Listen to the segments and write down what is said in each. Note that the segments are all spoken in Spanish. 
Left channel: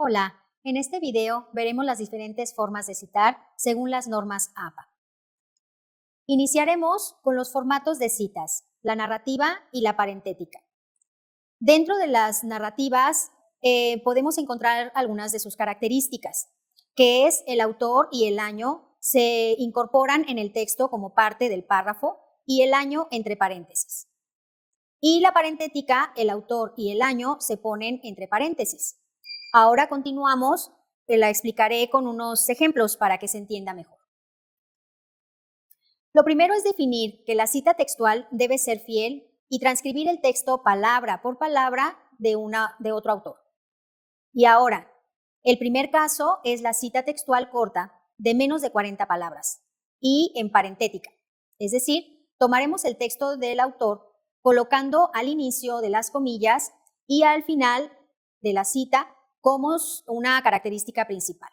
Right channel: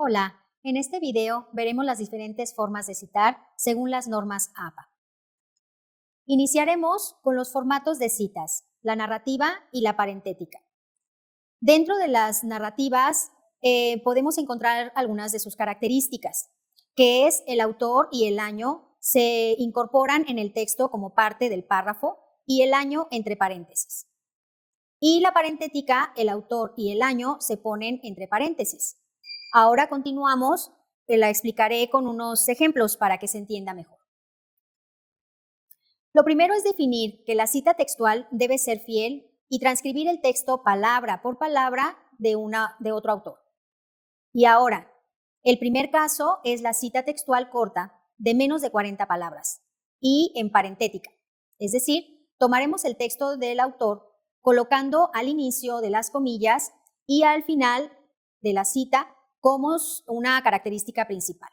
Hola, en este video veremos las diferentes formas de citar según las normas APA. Iniciaremos con los formatos de citas, la narrativa y la parentética. Dentro de las narrativas podemos encontrar algunas de sus características, que es el autor y el año se incorporan en el texto como parte del párrafo y el año entre paréntesis. Y la parentética, el autor y el año se ponen entre paréntesis. Ahora continuamos, la explicaré con unos ejemplos para que se entienda mejor. Lo primero es definir que la cita textual debe ser fiel y transcribir el texto palabra por palabra de otro autor. Y ahora, el primer caso es la cita textual corta de menos de 40 palabras y en parentética. Es decir, tomaremos el texto del autor colocando al inicio de las comillas y al final de la cita como una característica principal.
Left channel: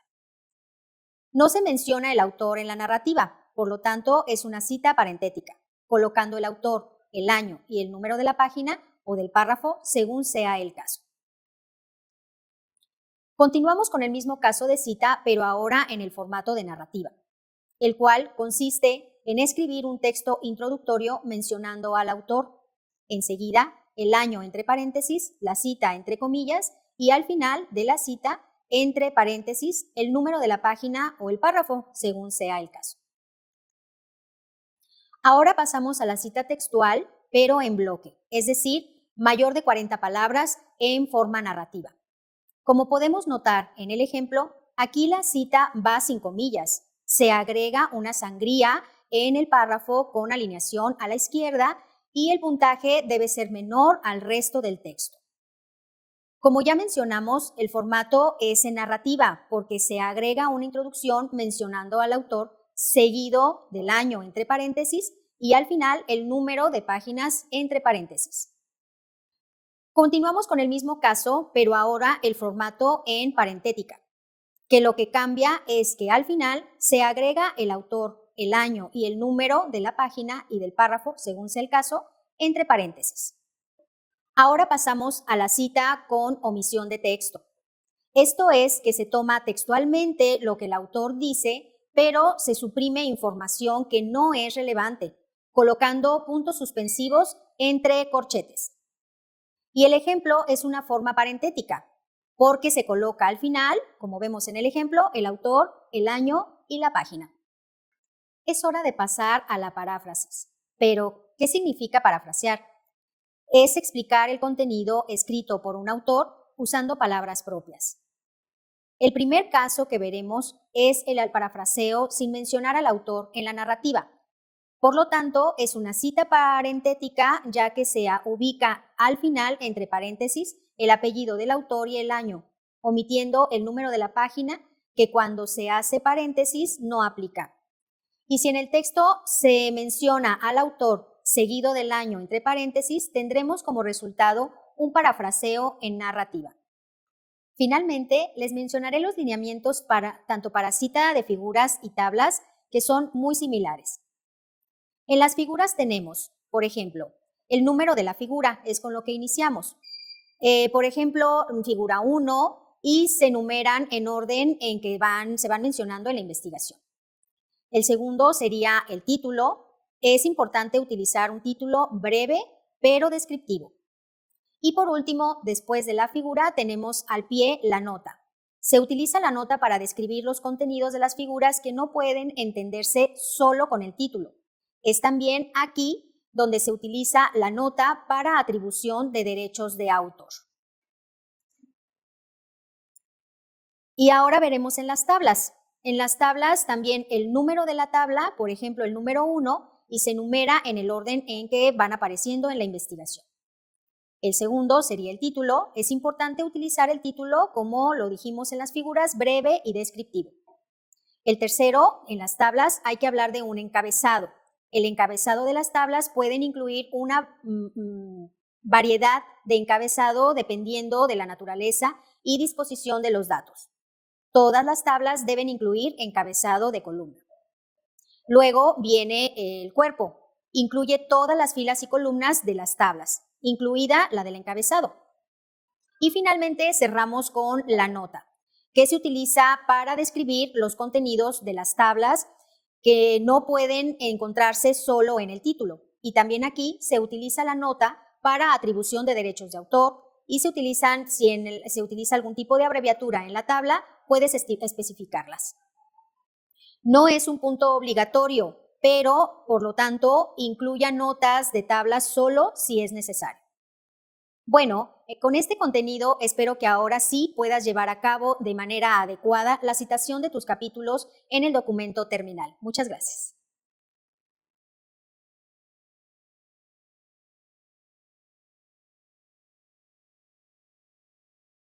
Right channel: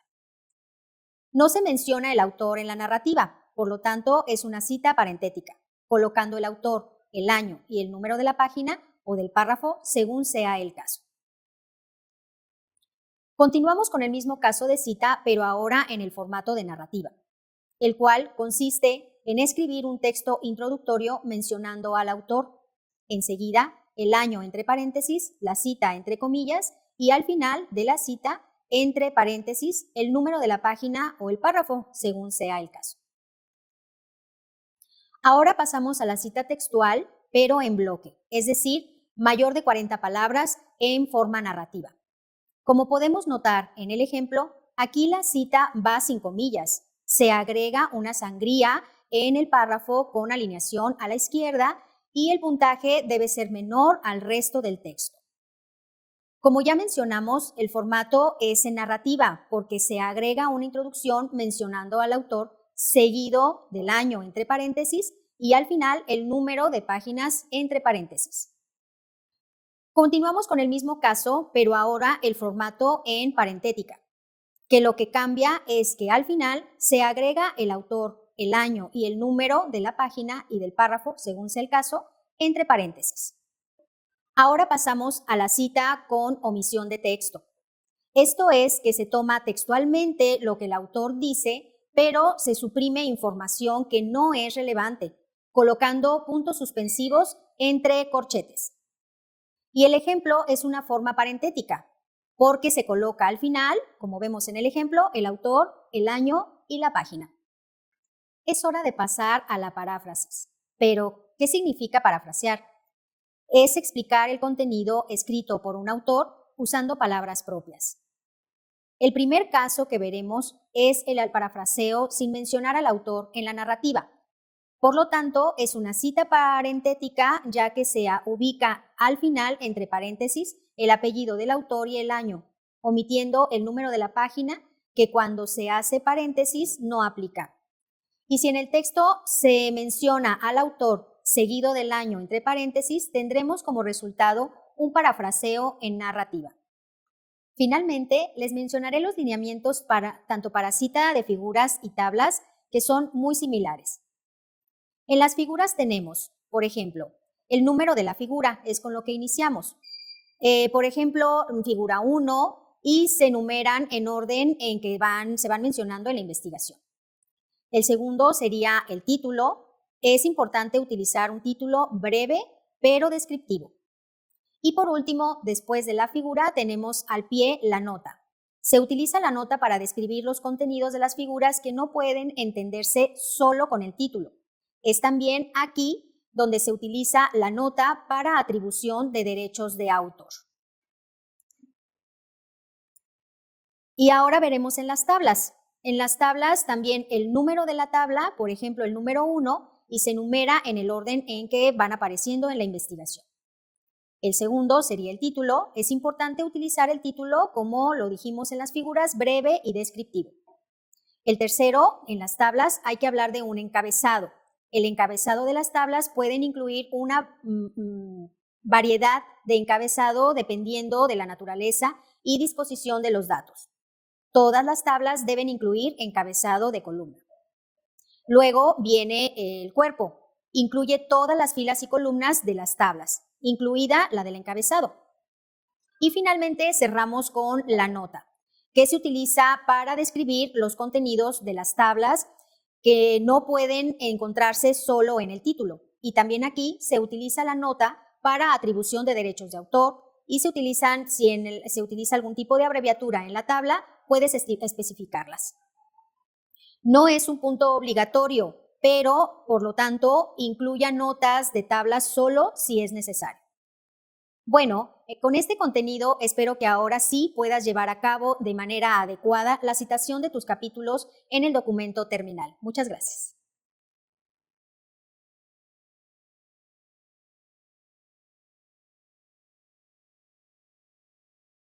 No se menciona el autor en la narrativa, por lo tanto es una cita parentética, colocando el autor, el año y el número de la página o del párrafo según sea el caso. Continuamos con el mismo caso de cita, pero ahora en el formato de narrativa, el cual consiste en escribir un texto introductorio mencionando al autor, enseguida el año entre paréntesis, la cita entre comillas y al final de la cita entre paréntesis el número de la página o el párrafo, según sea el caso. Ahora pasamos a la cita textual, pero en bloque, es decir, mayor de 40 palabras en forma narrativa. Como podemos notar en el ejemplo, aquí la cita va sin comillas. Se agrega una sangría en el párrafo con alineación a la izquierda y el puntaje debe ser menor al resto del texto. Como ya mencionamos, el formato es en narrativa porque se agrega una introducción mencionando al autor seguido del año entre paréntesis y al final el número de páginas entre paréntesis. Continuamos con el mismo caso, pero ahora el formato en parentética, que lo que cambia es que al final se agrega el autor, el año y el número de la página y del párrafo, según sea el caso, entre paréntesis. Ahora pasamos a la cita con omisión de texto. Esto es que se toma textualmente lo que el autor dice, pero se suprime información que no es relevante, colocando puntos suspensivos entre corchetes. Y el ejemplo es una forma parentética, porque se coloca al final, como vemos en el ejemplo, el autor, el año y la página. Es hora de pasar a la paráfrasis. Pero, ¿qué significa parafrasear? Es explicar el contenido escrito por un autor usando palabras propias. El primer caso que veremos es el parafraseo sin mencionar al autor en la narrativa. Por lo tanto, es una cita parentética ya que se ubica al final entre paréntesis el apellido del autor y el año, omitiendo el número de la página que cuando se hace paréntesis no aplica. Y si en el texto se menciona al autor seguido del año entre paréntesis, tendremos como resultado un parafraseo en narrativa. Finalmente, les mencionaré los lineamientos tanto para cita de figuras y tablas que son muy similares. En las figuras tenemos, por ejemplo, el número de la figura, es con lo que iniciamos. Por ejemplo, figura 1 y se numeran en orden en que se van mencionando en la investigación. El segundo sería el título. Es importante utilizar un título breve pero descriptivo. Y por último, después de la figura tenemos al pie la nota. Se utiliza la nota para describir los contenidos de las figuras que no pueden entenderse solo con el título. Es también aquí donde se utiliza la nota para atribución de derechos de autor. Y ahora veremos en las tablas. En las tablas también el número de la tabla, por ejemplo el número 1, y se numera en el orden en que van apareciendo en la investigación. El segundo sería el título. Es importante utilizar el título, como lo dijimos en las figuras, breve y descriptivo. El tercero, en las tablas hay que hablar de un encabezado. El encabezado de las tablas pueden incluir una variedad de encabezado dependiendo de la naturaleza y disposición de los datos. Todas las tablas deben incluir encabezado de columna. Luego viene el cuerpo. Incluye todas las filas y columnas de las tablas, incluida la del encabezado. Y finalmente cerramos con la nota. que se utiliza para describir los contenidos de las tablas que no pueden encontrarse solo en el título. Y también aquí se utiliza la nota para atribución de derechos de autor y se utilizan, se utiliza algún tipo de abreviatura en la tabla, puedes especificarlas. No es un punto obligatorio, pero por lo tanto incluya notas de tablas solo si es necesario. Bueno, con este contenido espero que ahora sí puedas llevar a cabo de manera adecuada la citación de tus capítulos en el documento terminal. Muchas gracias.